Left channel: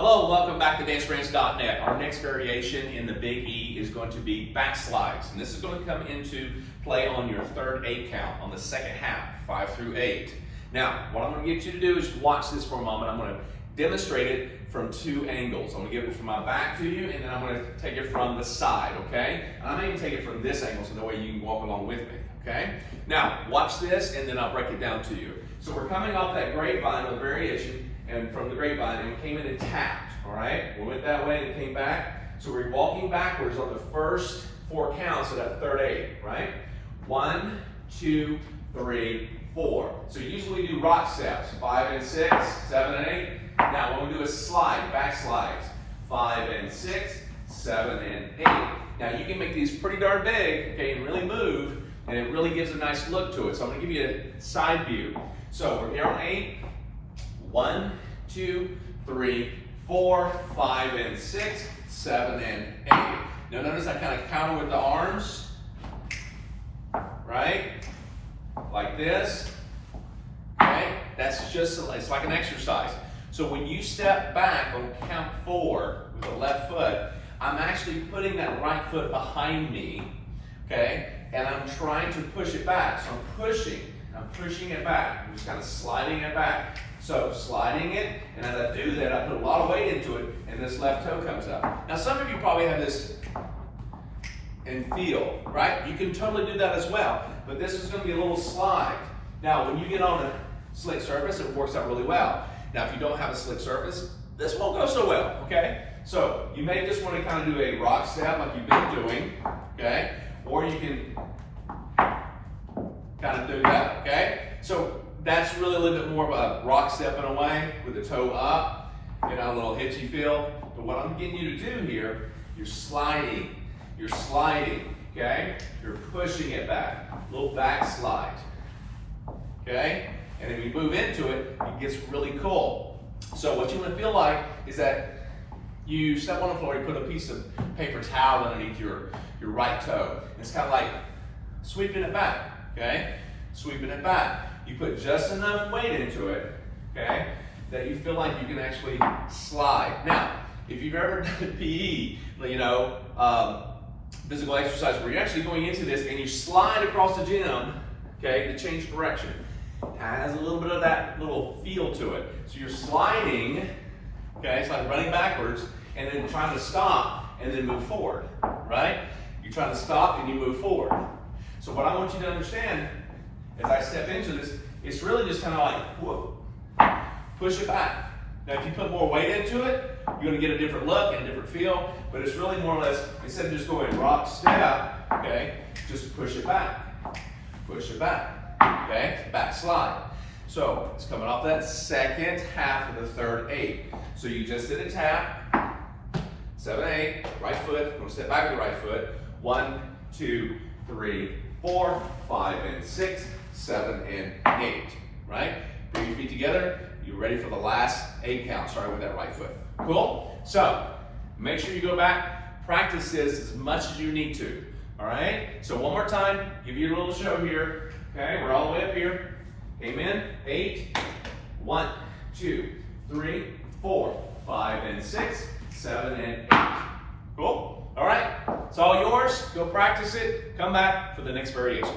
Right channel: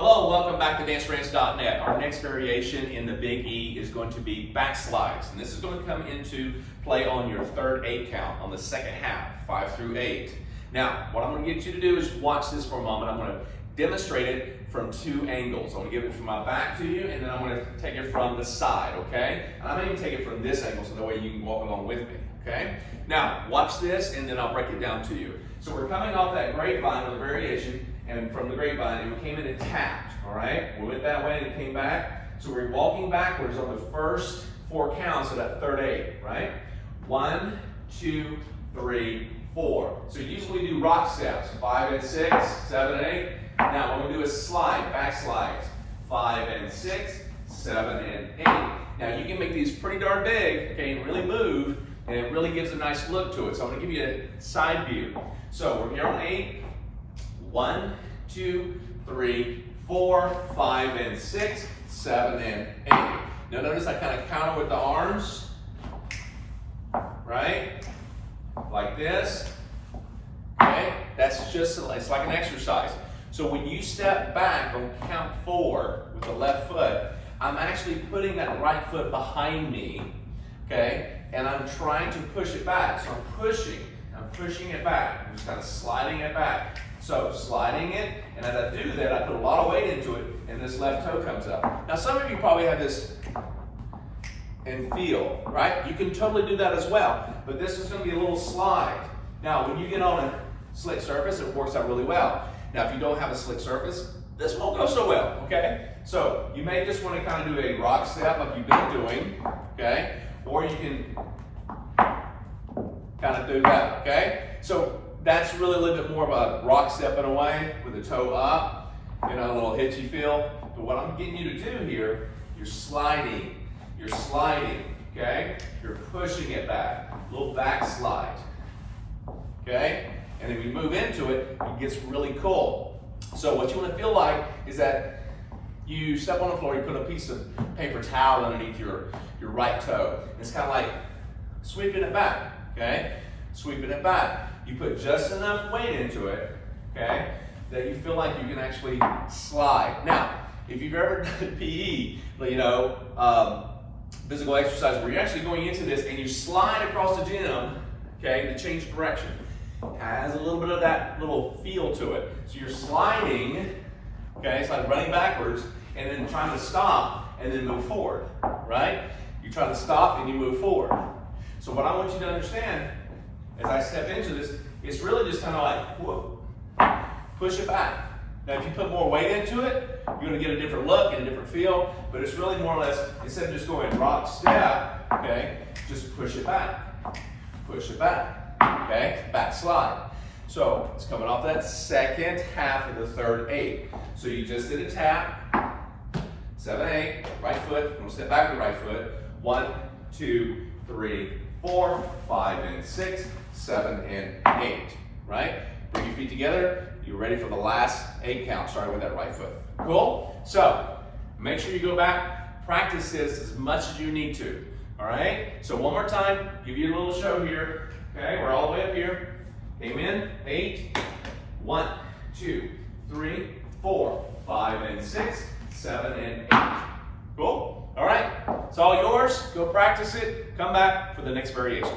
Hello, welcome back to danceranch.net. Our next variation in the Big E is going to be backslides. And this is going to come into play on your third 8 count on the second half, 5 through 8. Now, what I'm going to get you to do is watch this for a moment. I'm going to demonstrate it from 2 angles. I'm going to give it from my back to you, and then I'm going to take it from the side, okay? And I'm going to take it from this angle so that way you can walk along with me, okay? Now, watch this, and then I'll break it down to you. So we're coming off that grapevine with a variation, and from the grapevine, and we came in and tapped, all right? We went that way and came back. So we're walking backwards on the first 4 counts of that third 8, right? 1, 2, 3, 4. So usually we do rock steps, 5 and 6, 7 and 8. Now what we're gonna do is slide, back slides, 5 and 6, 7 and 8. Now you can make these pretty darn big, okay, and really move, and it really gives a nice look to it. So I'm gonna give you a side view. So we're here on 8. 1, 2, 3, 4, 5 and 6, 7 and 8. Now notice I kind of counter with the arms, right? Like this, okay? That's just, it's like an exercise. So when you step back on count 4 with the left foot, I'm actually putting that right foot behind me, okay? And I'm trying to push it back. So I'm pushing it back. I'm just kind of sliding it back. So sliding it, and as I do that, I put a lot of weight into it, and this left toe comes up. Now some of you probably have this and feel, right? You can totally do that as well, but this is going to be a little slide. Now when you get on a slick surface, it works out really well. Now if you don't have a slick surface, this won't go so well, okay? So you may just want to kind of do a rock step like you've been doing, okay? Or you can kind of do that, okay? So that's really a little bit more of a rock step in a way with the toe up, you know, a little hitchy feel. But what I'm getting you to do here, you're sliding, okay? You're pushing it back, a little back slide, okay? And then we move into it, it gets really cool. So what you want to feel like is that you step on the floor, you put a piece of paper towel underneath your right toe. It's kind of like sweeping it back, okay? Sweeping it back. You put just enough weight into it, okay, that you feel like you can actually slide. Now, if you've ever done PE, you know, physical exercise where you're actually going into this and you slide across the gym, okay, to change direction, it has a little bit of that little feel to it. So you're sliding, okay, it's like running backwards and then trying to stop and then move forward, right? You're trying to stop and you move forward. So what I want you to understand as I step into this, it's really just kind of like, whoa, push it back. Now if you put more weight into it, you're going to get a different look and a different feel, but it's really more or less, instead of just going rock step, okay, just push it back, okay, back slide. So it's coming off that second half of the third 8. So you just did a tap, 7, 8, right foot, I'm going to step back with the right foot, 1, 2, 3, 4, 5 and 6, 7 and 8, right? Bring your feet together. You're ready for the last 8 count, starting with that right foot. Cool? So make sure you go back, practice this as much as you need to, all right? So one more time, give you a little show here, okay? We're all the way up here. Amen. 8, 1, 2, 3, 4, 5 and 6, 7 and 8. Cool? All right, it's all yours. Go practice it. Come back for the next variation.